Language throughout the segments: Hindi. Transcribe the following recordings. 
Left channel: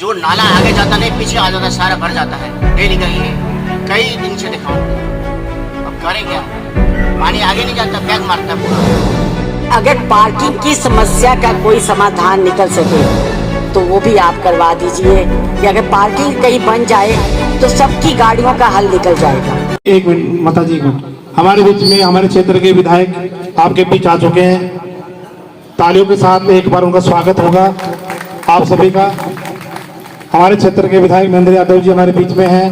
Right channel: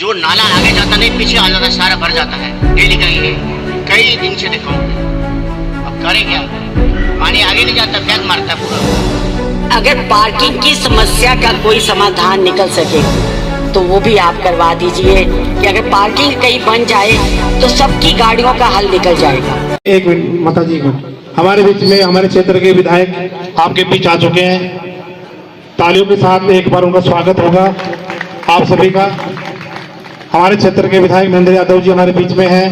जो नाला आगे जाता नहीं पीछे आ जाता, सारा भर जाता है। डेली का ये कई दिन से दिखाऊंगा, अब करें क्या? पानी आगे नहीं जाता, बैग मारता है पूरा। अगर पार्किंग की समस्या का कोई समाधान निकल सके तो वो भी आप करवा दीजिए कि अगर पार्किंग कहीं बन जाए तो सबकी गाड़ियों का हल निकल जाएगा। एक मिनट माता जी को, हमारे बीच में हमारे क्षेत्र के विधायक आपके बीच आ चुके हैं। तालियों के साथ एक बार उनका स्वागत होगा आप सभी का। हमारे क्षेत्र के विधायक महेंद्र यादव जी हमारे बीच में हैं।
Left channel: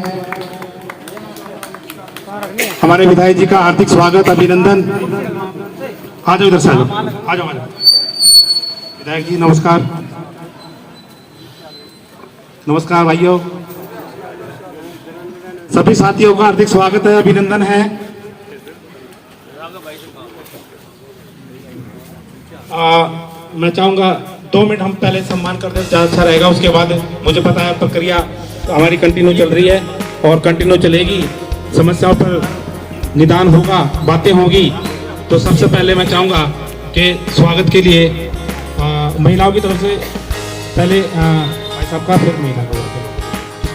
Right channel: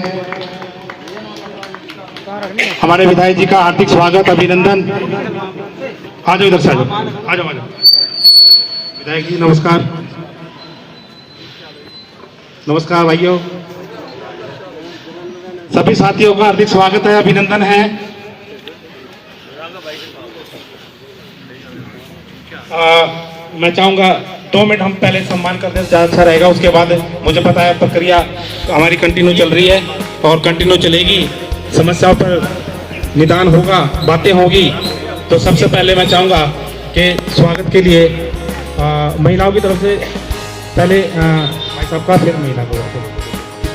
हमारे विधायक जी का हार्दिक स्वागत, अभिनंदन। आ जाओ इधर से, आ जाओ विधायक जी। नमस्कार, नमस्कार भाइयों। सभी साथियों का हार्दिक स्वागत है, अभिनंदन है। मैं चाहूंगा 2 मिनट हम पहले सम्मान करते हैं, अच्छा रहेगा। उसके बाद मुझे पता है प्रक्रिया हमारी कंटिन्यू चल रही है और कंटिन्यू चलेगी। समस्या पर निदान होगा, बातें होगी। तो सबसे पहले मैं चाहूंगा कि स्वागत के लिए महिलाओं की तरफ से पहले भाई साहब का, फिर महिला को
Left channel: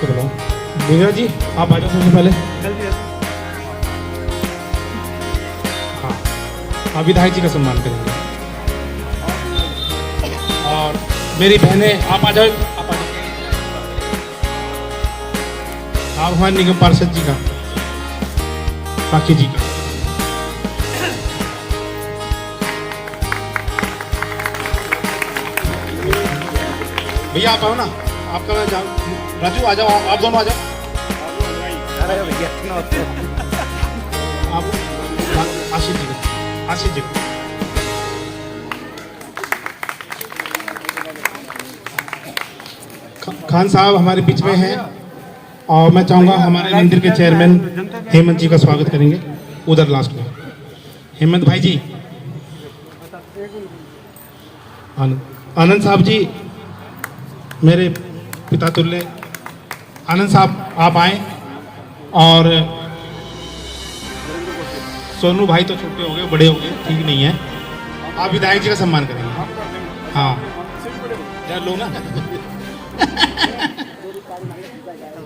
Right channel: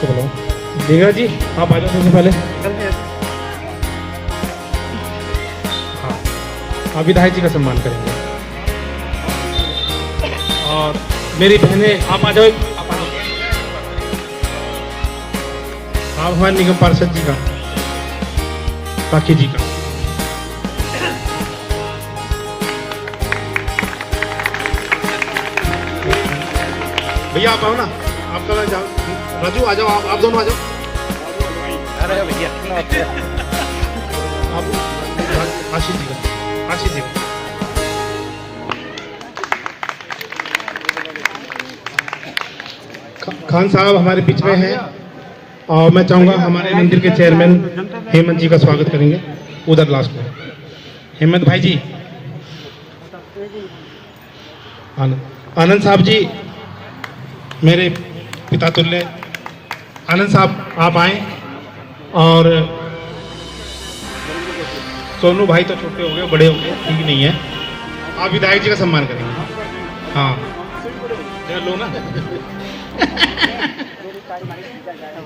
बोलो। देवरा जी आप आ जाओ सबसे पहले। हाँ, विधायक जी का सम्मान करेंगे। और मेरी बहनें आप आ जाओ, आप हमारे निगम पार्षद जी का, साक्षी जी का। भैया आप आओ ना, आप राजू आ जाओ, आप दोनों आ जाओ। आशीष जी का, आशीष जी का। खान साहब हमारे बीच में हैं और मैं चाहूंगा हमारे मंदिर के चेयरमैन हेमंत जी का स्वागत करेंगे उधर लास्ट में। हेमंत भाई जी, आनंद साहब जी मेरे पिता तुल्य, आनंद साहब आप आए। और सोनू भाई तो छोटे हो गए, बड़े हो गए, ठीक नहीं है। आप विधायक जी का सम्मान करेंगे। हाँ लो ना।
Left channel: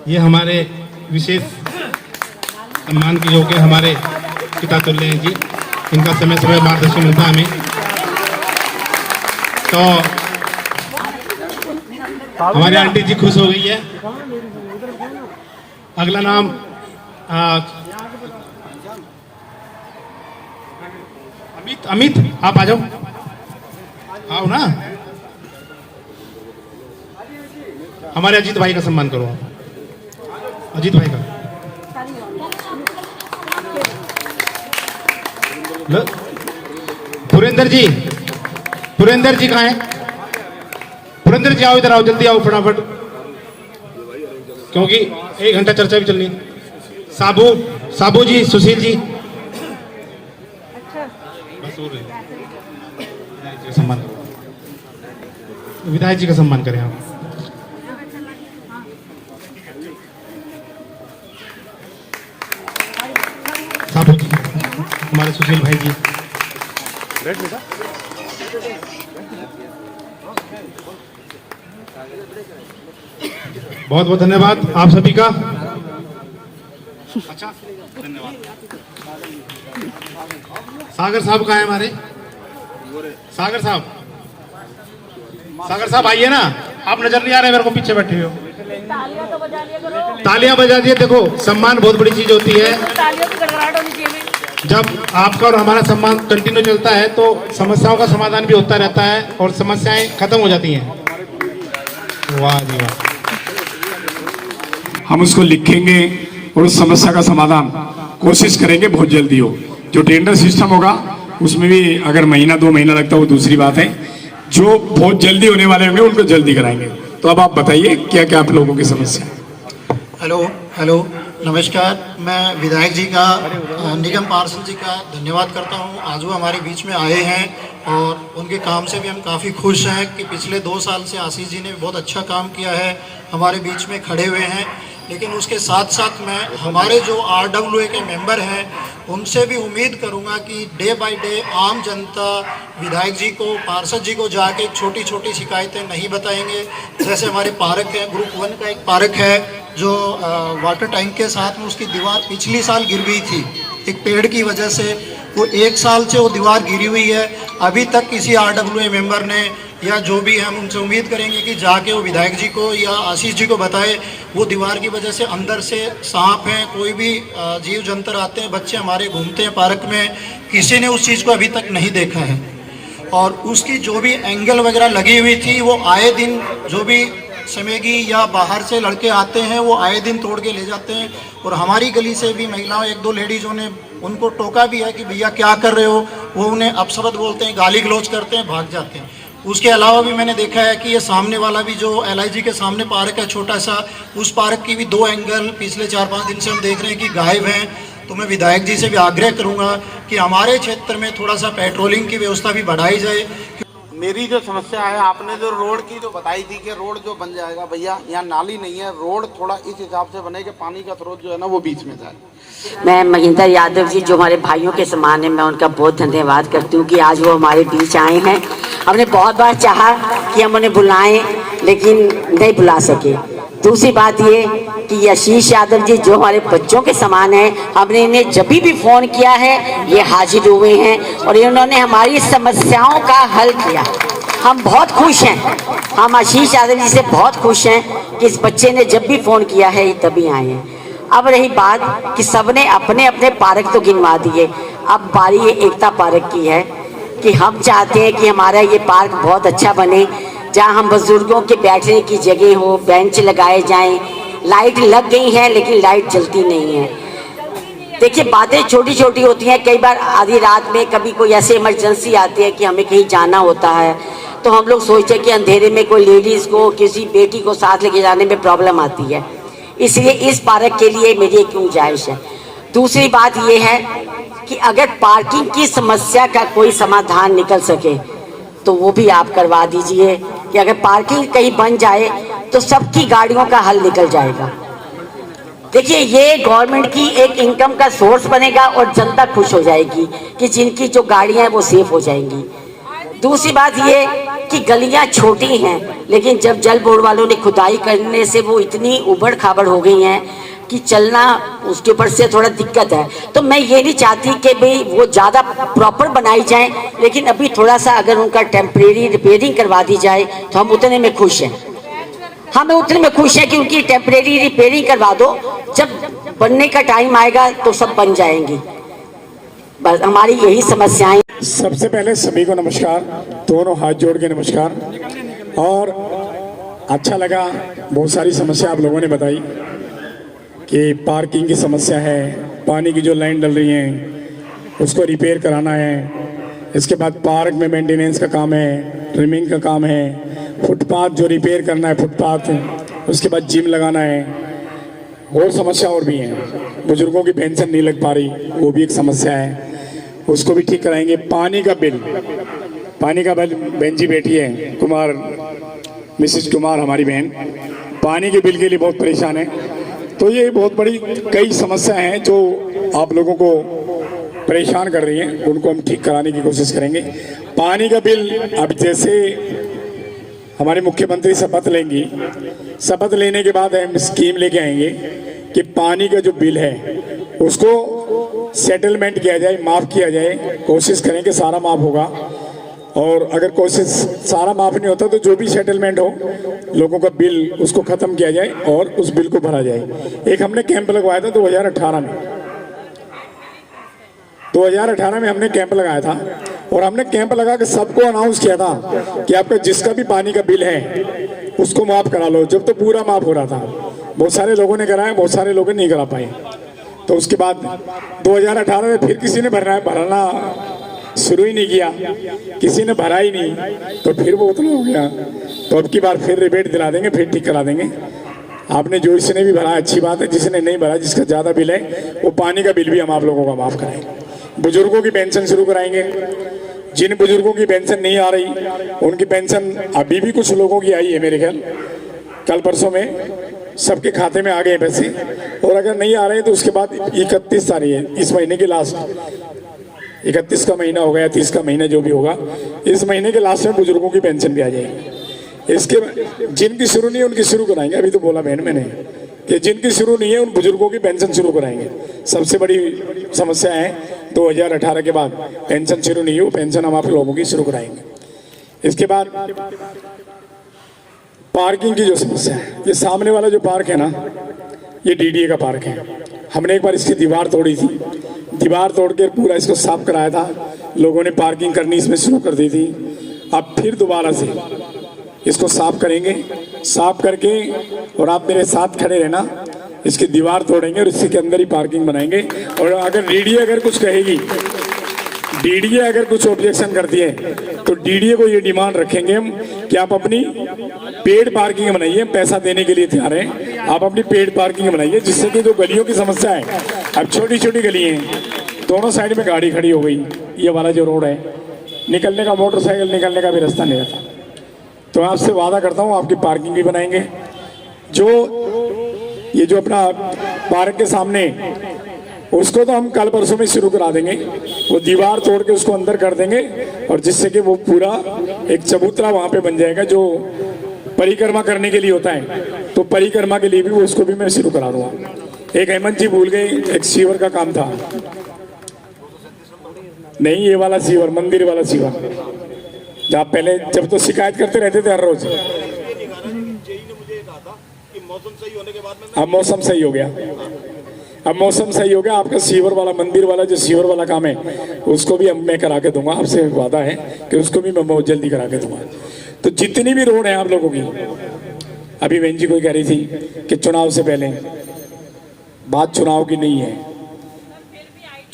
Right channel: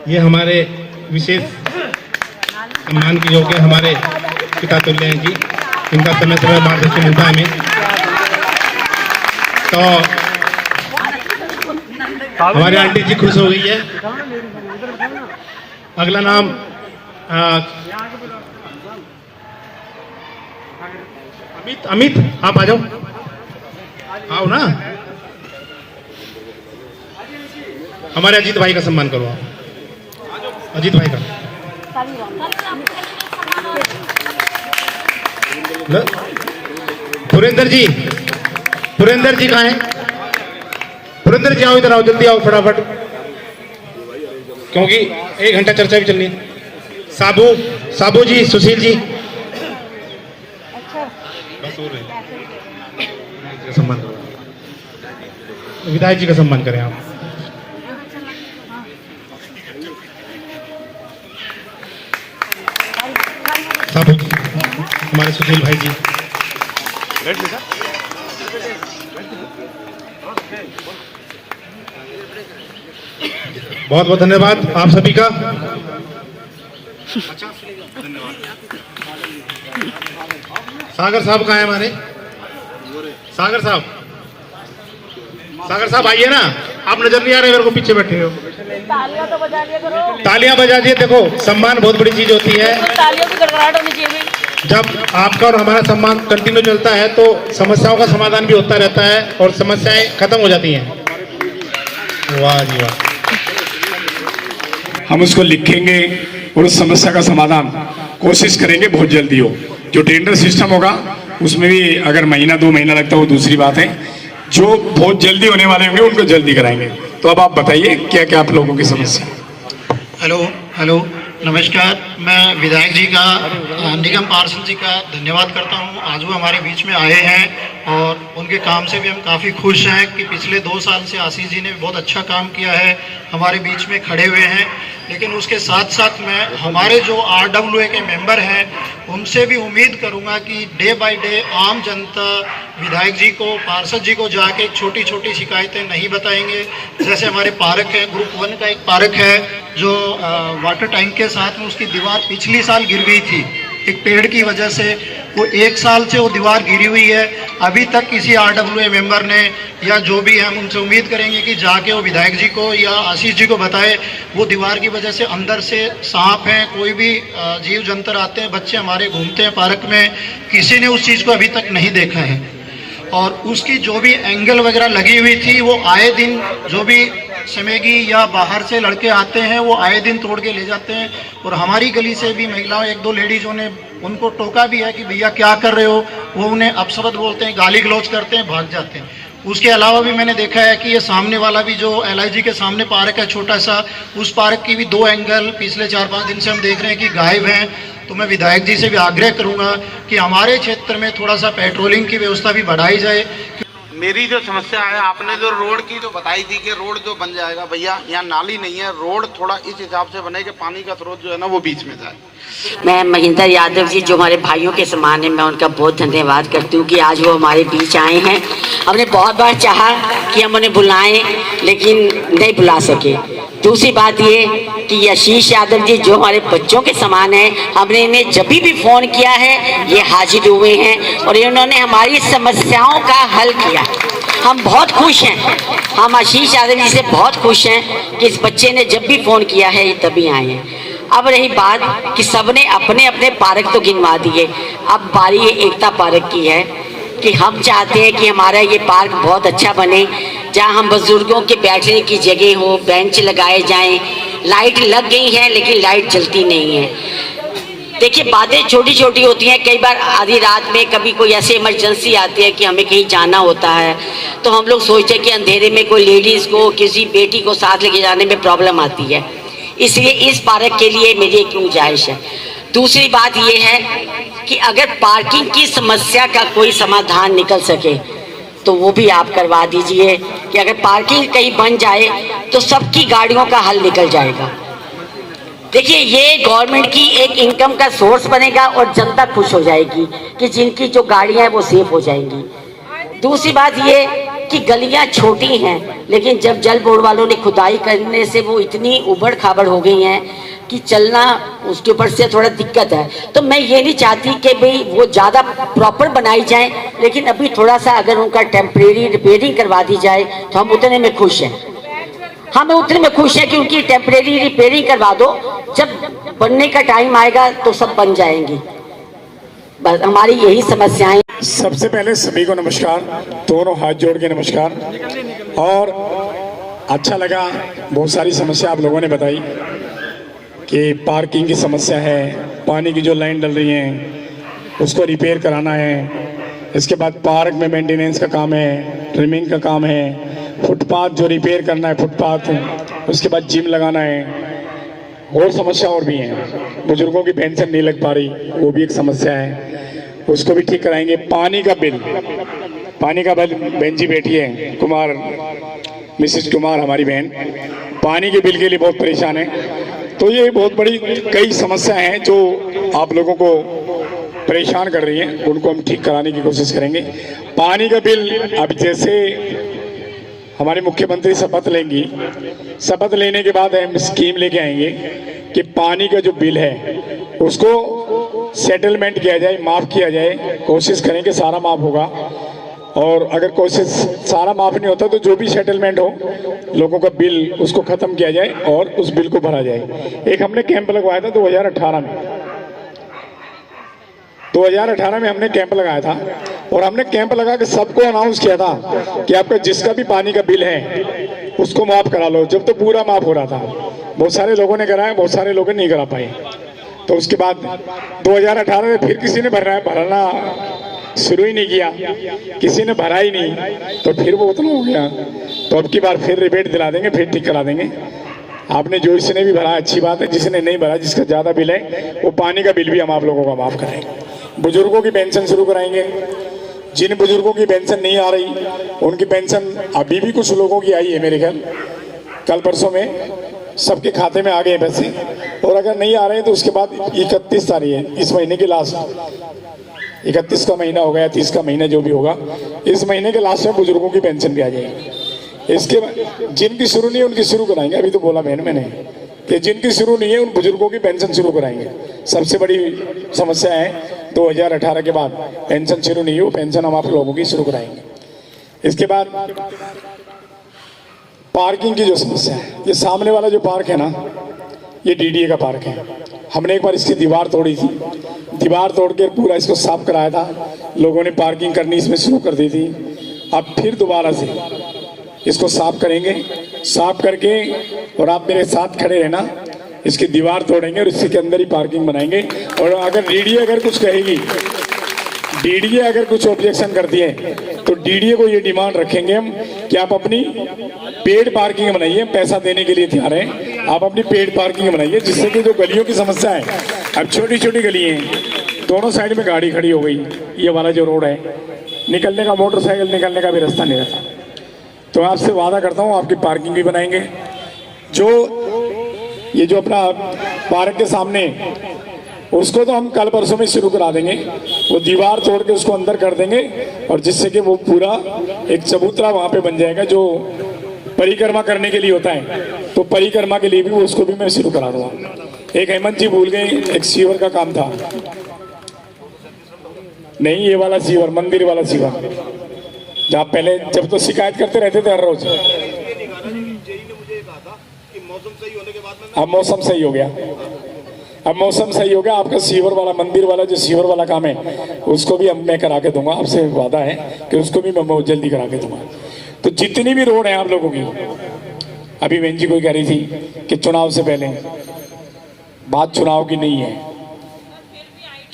ये हमारे विशेष सम्मान के योग्य हमारे पिता तुल्य हैं जी, इनका समय समय मार्गदर्शन मिलता है हमें। तो हमारी आंटी जी खुश हो गई है। अगला नाम अमित, अमित आप आ जाओ, आओ ना। हमारे अजीत भाई का सम्मान करो, अजीत भाई का। पुरेंद्र जी, पुरेंद्र जी कहाँ हैं? पुरेंद्र जी आओ, इधर आओ, जल्दी आओ फटाफट, क्योंकि 1 घंटा चर्चा भी चलनी है। साबू, साबू जी, सुशील जी, सम्मान, विधायक जी का सम्मान करें आप। साबू जी, हमारे सुशील भाई जी। बहुत बहुत धन्यवाद आप सभी का। सागर साहब कहाँ है हमारे? सागर साहब, सागर साहब आइए ना, आप नजर नहीं आ रहे मेरे को, पीछे बैठे हो। तालियां बजा दिए। देखो सम्मान बहुत बड़ी चीज होती है। जब आपका और हमारा सम्मान कंटिन्यू चलता है तो समस्याओं का समाधान भी होता रहता है और समस्याएं खत्म हो जाती हैं। वाह जी वाह। हम उसको लिखेंगे और उस समस्या का समाधान कोशिश करेंगे बहुत जल्दी हो। जो टेंडर सिस्टम होगा उसमें भी अगर महीना 2 महीना लगता है वो दूसरी बात है। जो बहुत जल्दी होने वाले होंगे उनको जल्दी कराएंगे। तो अब आप बताइए क्या क्या आप लोगों की समस्या है? हेलो हेलो, नमस्कार। मैं विधायक जी का, निगम पार्षद जी का धन्यवाद करता हूं। आज वो हमारे बीच में आए हैं और उनके काम से भी हम काफ़ी खुश हैं कि पिछले 2 साल से आशीष जी ने बहुत अच्छा काम किया है, हमारे बीच में खड़े हुए हैं। लेकिन उसके साथ साथ मैं हमारे जो RWA के मेंबर हैं उनसे भी उम्मीद करूंगा कि डे बाय डे आम जनता विधायक जी को, पार्षद जी को जाके छोटी छोटी शिकायतें नहीं बताएंगे। जैसे हमारे पार्क है, ग्रुप 1 का एक पार्क है जो वाटर टैंक के साथ में उसकी दीवार पिछली साल गिर गई थी एक पेड़ की वजह से। वो 1 साल से वो दीवार गिरी हुई है, अभी तक किसी RWA मेंबर ने या जो भी है, हम उनसे उम्मीद करेंगे कि जाके वो विधायक जी को या आशीष जी को बताए। वो दीवार की वजह से अंदर से सांप हैं, कोई भी जीव जंतु आते हैं, बच्चे हमारे घूमते हैं पार्क में, किसी ने उस चीज़ को अभी तक नहीं देखा है। और उसकी जो भी एंगल वगैरह लगी हुई थी वो आए दिन जो भी समेगी या बाहर से लड़के आते हैं वो आए दिन तोड़ के ले जाते हैं। और हमारी गली से भी महिलाओं 1-2 लेडीज़ों ने उनको टोका भी है कि भैया क्या कर रहे हो, वो उन्हें अपशब्द बोलते हैं, गाली गलौज करते हैं, भाग जाते हैं। उसके अलावा भी मैंने देखा है कि ये सामने वाला भी जो LIG के सामने पार्क है छोटा सा, उस पार्क की भी 2 एंगल पिछले 4-5 दिन से हम देख रहे हैं कि गायब हैं। तो मैं विधायक जी से भी आग्रह करूंगा कि हमारे क्षेत्र में थोड़ा सा पेट्रोलिंग की व्यवस्था भी बढ़ाई जाए। मेरी जो समस्या है, आपने जो रोड की जो बताई थी कि रोड जो बन जाएगा, भैया यहाँ नाली नहीं है, रोड थोड़ा इस हिसाब से बने कि पानी का स्रोत जो है ना वो बीच में जाए। मैं महेंद्र यादव जी जो हमारे भाइयों के समान है, मैं उनका बहुत धन्यवाद करती हूँ कि आज वो हमारे बीच आए हैं। हमने बहुत बार चाहा कि हम उन्हें बुलाएं लेकिन नहीं बुला सके। दूसरी बात ये कि आशीष यादव जी जो हमारे बच्चों के समान हैं, हमने इन्हें जब भी फ़ोन किया है ये हाजिर हुए हैं और इन्होंने हमारी समस्याओं का हल किया। हम बहुत खुश हैं, हम आशीष यादव जी से बहुत खुश हैं कि इस बच्चे ने जब भी फ़ोन किया है ये तभी आए हैं। अब रही बात कि सबने अपने अपने पार्क तो गिनवा दिए, अब बारी ये एकता पार्क की है कि हम चाहते हैं कि हमारा ये पार्क बहुत अच्छा बने, जहाँ हम बुजुर्गों के बैठने की जगह हो, बेंच लगाए जाएं। लाइट लग गई है लेकिन लाइट जलती नहीं है। देखिए बातें छोटी छोटी होती हैं, कई बार आधी रात में कभी कोई ऐसी इमरजेंसी आती है कि हमें कहीं जाना होता है तो हम लोग सोचते हैं कि अंधेरे में कोई लेडीज़ को, किसी बेटी को साथ लेके जाने में प्रॉब्लम आती है, इसलिए इस पार्क के लिए मेरी एक गुजारिश है। दूसरी बात ये है कि अगर पार्किंग की समस्या का कोई समाधान निकल सके तो वो भी आप करवा दीजिए कि अगर पार्किंग कहीं बन जाए तो सबकी गाड़ियों का हल निकल जाएगा। देखिए ये गवर्नमेंट की एक इनकम का सोर्स बनेगा और जनता खुश हो जाएगी कि जिनकी जो गाड़ियां हैं वो सेफ हो जाएंगी। दूसरी बात ये कि गलियां छोटी हैं लेकिन जब जल बोर्ड वालों ने खुदाई करने से वो इतनी उबड़ खाबड़ हो गई हैं कि चलना उसके ऊपर से थोड़ा दिक्कत है। तो मैं ये नहीं चाहती कि भाई वो ज़्यादा प्रॉपर बनाई जाए, लेकिन अभी थोड़ा सा अगर उनका टेम्परेरी रिपेयरिंग करवा दी जाए तो हम उतने में खुश हैं। हमें उतने में खुश है कि उनकी टेम्परेरी रिपेयरिंग करवा दो, जब बनने का टाइम आएगा तो सब बन जाएंगी। बस हमारी यही समस्याएं। सबसे पहले सभी को नमस्कार, दोनों हाथ जोड़ के नमस्कार। और अच्छा लगा, बहुत सारी समस्या आप लोगों ने बताई कि पार्किंग की समस्या है, पानी की जो लाइन डल रही है उसको रिपेयर कराना है, इसके बाद पार्क में मेंटेनेंस का काम है, ट्रिमिंग का काम है, फुटपाथ जो रिपेयर करना है फुटपाथ, उसके बाद जिम लगाना है, और समस्या और भी हैं। बुजुर्गों की पेंशन नहीं लग पा रही, वो भी एक समस्या है, उसको भी ठीक कराएंगे। पानी का बिल, बहन जी बैठी है कुमार, मिसेस कुमार हमारी बहन, पानी के बिल के लिए बहुत परेशान है। तो ये बहुत बड़ी कई समस्याएं हैं जो आप लोगों को परेशान कर रही हैं, उनको हम ठीक कराने की कोशिश करेंगे। पानी का बिल, अब जैसे हमारे मुख्यमंत्री शपथ लेंगी, शपथ लेने के बाद हम स्कीम लेके आएंगे कि पानी का जो बिल है उसको सेटलमेंट किया जाए, माफ़ किया जाए। कोशिश करेंगे सारा माफ़ होगा, और अगर कोशिश सारा माफ़ नहीं होता तो जो भी सेटलमेंट हो, लोगों का बिल उसको ख़त्म किया जाए और उस बिल को भरा जाए। एक हमने कैंप लगवाया था 2018 में हमने कैंप लगाया था, और हमने कैंप लगा के सबको अनाउंस किया था कि आपका जिसका भी पानी का बिल है उसको माफ़ करा लो। जब तो पूरा माफ़ हो रहा था, बहुत सारे लोगों ने कराया, बहुत सारे लोग नहीं करा पाए। तो उसके बाद 2018 में फिर किसी ने भरना शुरू ही नहीं किया, किसी ने भरा ही नहीं, तो फिर वो उतना हो गया। तो अब की बार फिर रिबेट दिला देंगे, फिर ठीक करा देंगे। आपने जो इसने भी भरा अच्छी बात है, जिसने नहीं भरा, जिसका ज़्यादा बिल है, वो पानी का बिल भी हम आप लोगों का माफ़ कराएंगे। बुजुर्गों की पेंशन शुरू कराएंगे, जिन बुजुर्गों की पेंशन नहीं आ रही उनकी पेंशन अभी भी कुछ लोगों की आई है मेरे ख्याल, कल परसों में सबके खाते में आ गए पैसे, और अगर नहीं आ रहे हैं तो उसके बाद 31 तारीख है, इस महीने की लास्ट, 31 का महीना हो गया, 30 का महीना जो भी होगा, इस महीने के लास्ट में बुजुर्गों की पेंशन भी आ जाएगी। इसके बाद जिनकी शुरू नहीं है उनकी शुरू कराएंगे। अभी तो बोला बहन मैंने कि जिनकी शुरू नहीं है उन बुजुर्गों की पेंशन शुरू कराएंगे। सबसे बड़ी समस्या है 2018 के बाद पेंशन शुरू नहीं हो, पेंशन हम आप लोगों की शुरू कराएंगे। इसके बाद पार्किंग की जो समस्या है, ये सामने वाला जो पार्क है ना, ये डीडीए का पार्क है। हमने एक बार इसकी दीवार तोड़ी थी, दीवार तोड़ के पूरा इसको साफ कराया था, लोगों ने पार्किंग करनी इसमें शुरू कर दी थी। अब फिर दोबारा से इसको साफ करेंगे, साफ करके, और आप मेरे साथ खड़े रहना, इसकी दीवार तोड़ेंगे और इसके अंदर ही पार्किंग बनाएंगे। और अगर डीडीए अगर कुछ कहेगी, डीडीए अगर कुछ ऑब्जेक्शन करती है तो डीडीए को ये डिमांड रखेंगे हम कि आप अपनी पेड पार्किंग बनाइए, पैसा देने के लिए तैयार हैं, आप अपनी पेड पार्किंग बनाइए, जिससे कि जो गलियों की समस्या है, अब छोटी छोटी गली हैं, दोनों साइड में गाड़ी खड़ी हो गई, ये वाला जो रोड है, निकलने का, मोटरसाइकिल निकलने का भी रास्ता नहीं रहता। तो आपसे वादा करता हूँ आपकी पार्किंग भी बनाएंगे। जो ये जो अपना पार्क के सामने, उसको तो हम कल परसों में शुरू करा देंगे, वो दीवार तोड़ के उसको अंदर कर देंगे, और जिससे कि वो पूरा एक चबूतरा वहाँ पे बन जाएगा जो परिक्रमा करने के लिए होता है, तो परिक्रमा के लिए भी उसको भी मैं शुरू करा दूंगा। एक हेमंत जी भूल गए, एक सीवर का काम था, नहीं ये वाला सीवर, मंदिर वाला सीवर, जहाँ पहले जब तो शिकायत करते रहते थे हर रोज, अब मौसम सही हो गया, अब मौसम सही हो गया, आपका सीवर वाला, मंदिर वाला जो सीवर वाला काम है, उसको भी अब मैं करा के दूंगा। आपसे वादा है कि उसको भी मैं बहुत जल्दी करा के दूंगा। तो जितनी भी रोड है आप लोगों की, अभी बहन जी को कह रही थी कि चुनाव से पहले, बात चुनाव की नहीं है,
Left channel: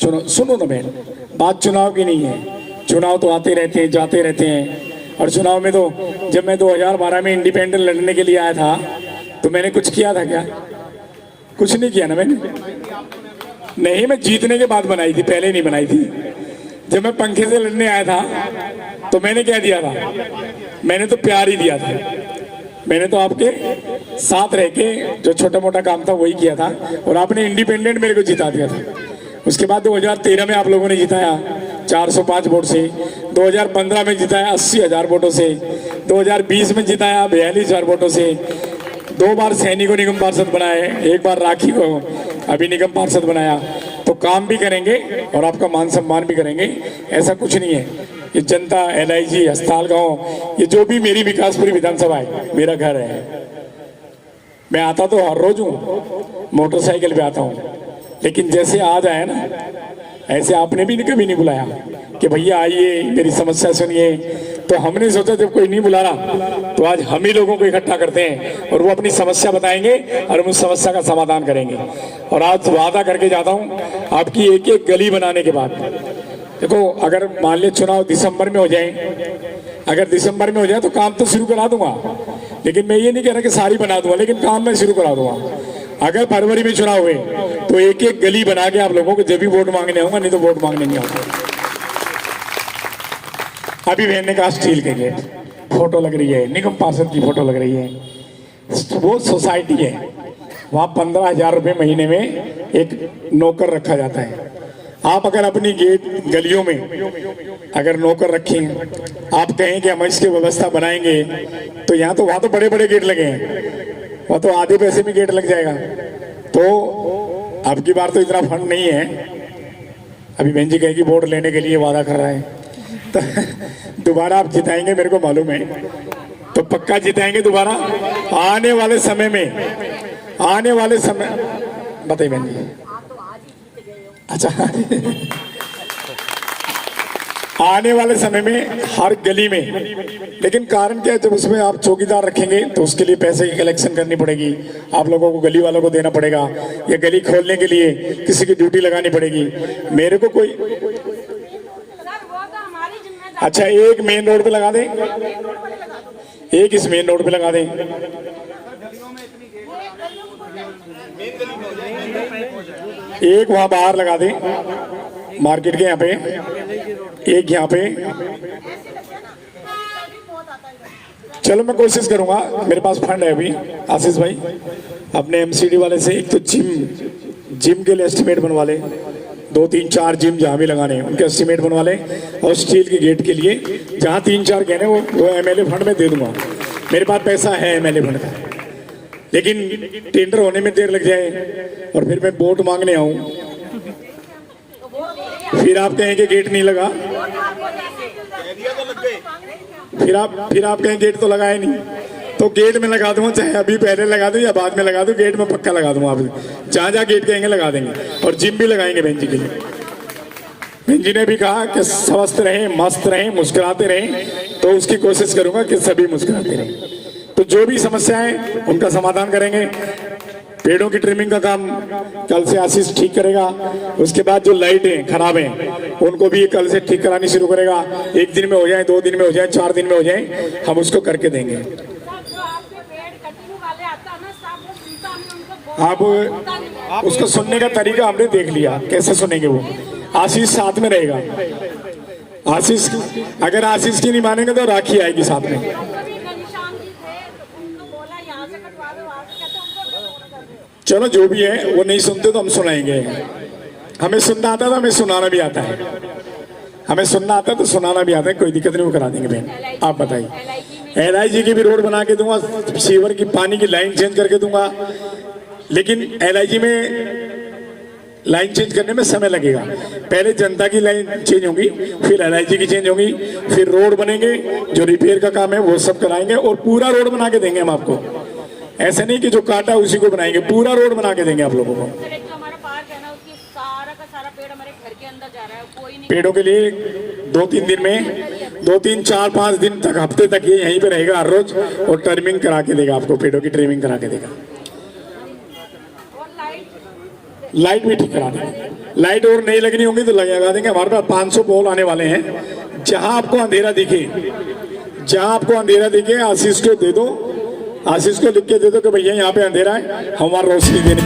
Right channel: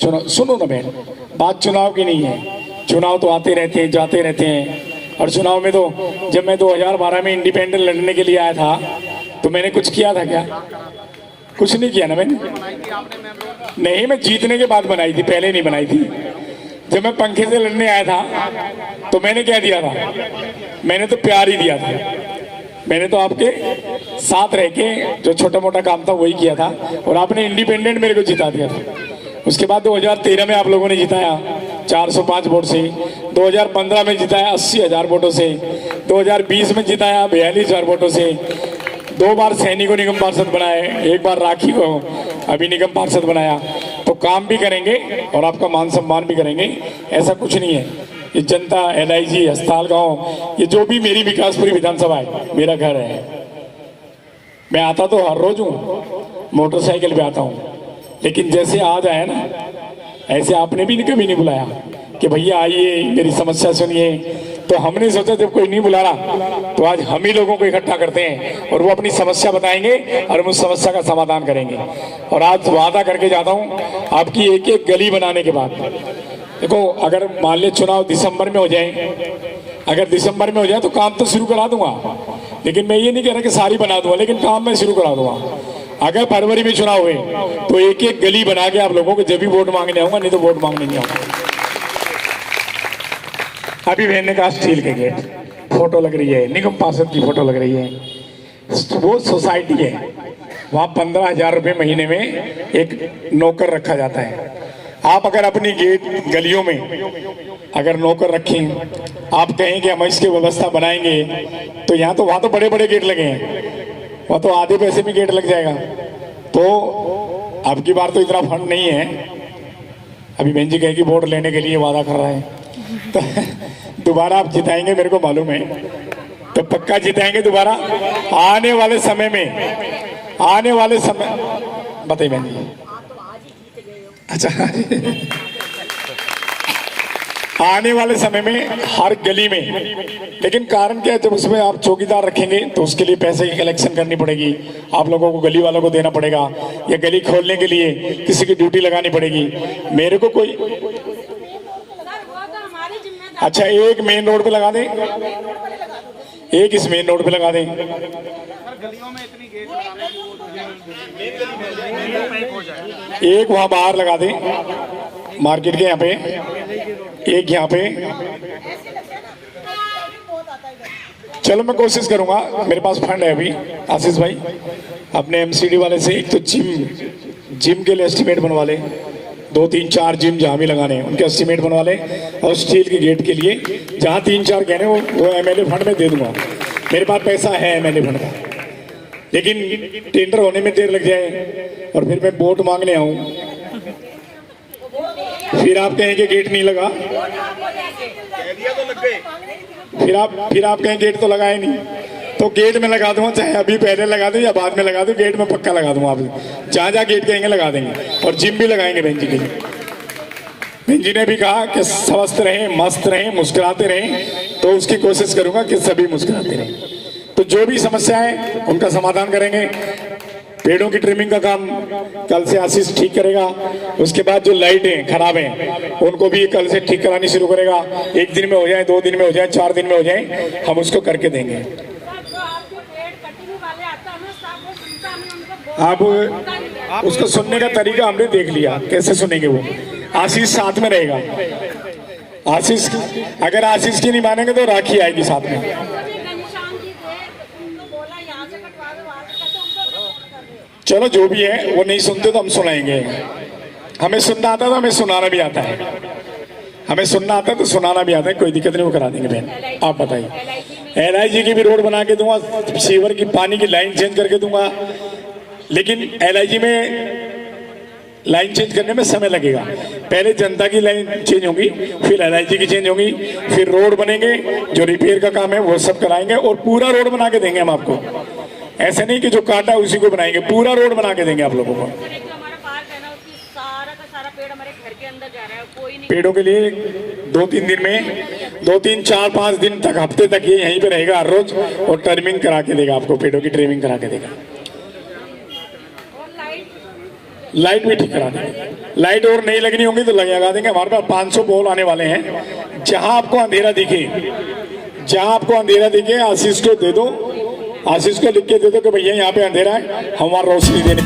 चुनाव सुनो ना बहन, बात चुनाव की नहीं है, चुनाव तो आते रहते हैं, जाते रहते हैं। और चुनाव में तो जब मैं 2012 में इंडिपेंडेंट लड़ने के लिए आया था, तो मैंने कुछ किया था क्या? कुछ नहीं किया ना मैंने, नहीं, मैं जीतने के बाद बनाई थी, पहले नहीं बनाई थी। जब मैं पंखे से लड़ने आया था तो मैंने क्या दिया था? मैंने तो प्यार ही दिया था, मैंने तो आपके साथ रह के जो छोटा मोटा काम था वही किया था, और आपने इंडिपेंडेंट मेरे को जिता दिया था। उसके बाद 2013 में आप लोगों ने जिताया 405 वोट से, 2015 में जिताया 80,000 वोटों से, 2020 में जिताया 42,000 वोटों से, 2 बार सैनी को निगम पार्षद बनाए, 1 बार राखी को अभी निगम पार्षद बनाया। तो काम भी करेंगे और आपका मान सम्मान भी करेंगे, ऐसा कुछ नहीं है। ये जनता, LIG, हस्ताल गाँव, ये जो भी मेरी विकासपुरी विधानसभा है, मेरा घर है। मैं आता तो हर रोज हूँ, मोटरसाइकिल पे आता हूँ, लेकिन जैसे आज आया ना, ऐसे आपने भी कभी नहीं बुलाया कि भैया आइए मेरी समस्या सुनिए। तो हमने सोचा जब कोई नहीं बुला रहा तो आज हम ही लोगों को इकट्ठा करते हैं और वो अपनी समस्या बताएंगे और हम उस समस्या का समाधान करेंगे। और आज वादा करके जाता हूँ, आपकी एक एक गली बनाने के बाद, देखो अगर मान लिया चुनाव दिसंबर में हो जाए, अगर दिसंबर में हो जाए तो काम तो शुरू करा दूंगा, लेकिन मैं ये नहीं कह रहा कि सारी बना दूंगा, लेकिन काम मैं शुरू करा दूंगा। अगर फरवरी में चुनाव हुए तो एक एक गली बना के आप लोगों को जब भी वोट मांगने आऊंगा, नहीं तो वोट मांगने नहीं आऊंगा। अभी बहन ने कहा स्टील के गेट, फोटो लग रही है, निगम पार्षद की फोटो लग रही है, वो सोसाइटी है, वहां 15,000 रुपये महीने में एक नौकर रखा जाता है। आप अगर अपनी गेट गलियों में अगर नौकर रखें, आप कहें कि हम इसकी व्यवस्था बनाएंगे, तो यहाँ तो वहां तो बड़े बड़े गेट लगे हैं, वह तो आधे पैसे में गेट लग जाएगा। तो अब की बार तो इतना फंड नहीं है। अभी बहन जी कहेगी वोट लेने के लिए वादा कर रहा है, तो दोबारा आप जिताएंगे मेरे को मालूम है, तो पक्का जिताएंगे दोबारा। आने वाले समय में, आने वाले समय, बताइए बहन जी। अच्छा, आने वाले समय में हर गली में, लेकिन कारण क्या है, जब उसमें आप चौकीदार रखेंगे तो उसके लिए पैसे की कलेक्शन करनी पड़ेगी, आप लोगों को गली वालों को देना पड़ेगा, या गली खोलने के लिए किसी की ड्यूटी लगानी पड़ेगी। मेरे को कोई, अच्छा एक मेन रोड पे लगा दें, एक इस मेन रोड पे लगा दें, एक वहां बाहर लगा दें मार्केट के यहाँ पे, एक यहाँ पे, चलो मैं कोशिश करूंगा, मेरे पास फंड है अभी। आशीष भाई अपने एमसीडी वाले से एक तो जिम के लिए एस्टिमेट बनवा ले, 2 3 4 जिम जहाँ भी लगाने हैं उनके एस्टिमेट बनवा ले, और स्टील के गेट के लिए जहाँ 3 4 कहने वो एमएलए फंड में दे दूंगा। मेरे पास पैसा है एमएलए फंड का, लेकिन टेंडर होने में देर लग जाए और फिर मैं वोट मांगने आऊं, फिर आप कहेंगे गेट नहीं लगा, फिर आप कहें गेट तो लगाए नहीं, तो गेट में लगा दूंगा, चाहे अभी पहले लगा दूं या बाद में लगा दूं, गेट में पक्का लगा दूंगा। आप जहां जहां गेट कहेंगे लगा देंगे, और जिम भी लगाएंगे बहन जी के लिए। बहन जी ने भी कहा कि स्वस्थ रहें, मस्त रहें, मुस्कुराते रहें, तो उसकी कोशिश करूंगा कि सभी मुस्कुराते रहें। तो जो भी समस्या है उनका समाधान करेंगे। पेड़ों की ट्रिमिंग का काम कल से आशीष ठीक करेगा। उसके बाद जो लाइटें खराब हैं उनको भी कल से ठीक करानी शुरू करेगा। 1 दिन में हो जाए, 2 दिन में हो जाए, 4 दिन में हो जाए, हम उसको करके देंगे। आप उसको सुनने का तरीका हमने देख लिया, कैसे सुनेंगे वो। आशीष साथ में रहेगा। आशीष, अगर आशीष की नहीं मानेंगे तो राखी आएगी साथ में। चलो जो भी है, वो नहीं सुनते तो हम सुनाएंगे। हमें सुनना आता है तो हमें सुनाना भी आता है, हमें सुनना आता है तो सुनाना भी आता है, कोई दिक्कत नहीं, वो करा देंगे बहन। आप बताइए। LIG की भी रोड बना के दूंगा, सीवर की पानी की लाइन चेंज करके दूंगा, लेकिन LIG में लाइन चेंज करने में समय लगेगा। पहले जनता की लाइन चेंज होगी, फिर LIG की चेंज होगी, फिर रोड बनेंगे, जो रिपेयर का काम है वो सब कराएंगे, और पूरा रोड बना के देंगे हम आपको। ऐसा नहीं कि जो काटा उसी को बनाएंगे, पूरा रोड बना के देंगे आप लोगों को। पेड़ों के लिए 2-3 दिन में, 2-3 4 5 दिन तक, हफ्ते तक ये यहीं पे रहेगा हर रोज, और ट्रिमिंग करा के देगा आपको, पेड़ों की ट्रिमिंग करा के देगा। लाइट भी ठीक करा देंगे। लाइट और नहीं लगनी होगी तो लगा देंगे। हमारे पास 500 पोल आने वाले हैं। जहां आपको अंधेरा दिखे, आशीष को दे दो, आशीष को लिख के दे दो कि भैया यहाँ पे अंधेरा है, हमारा रोशनी देने।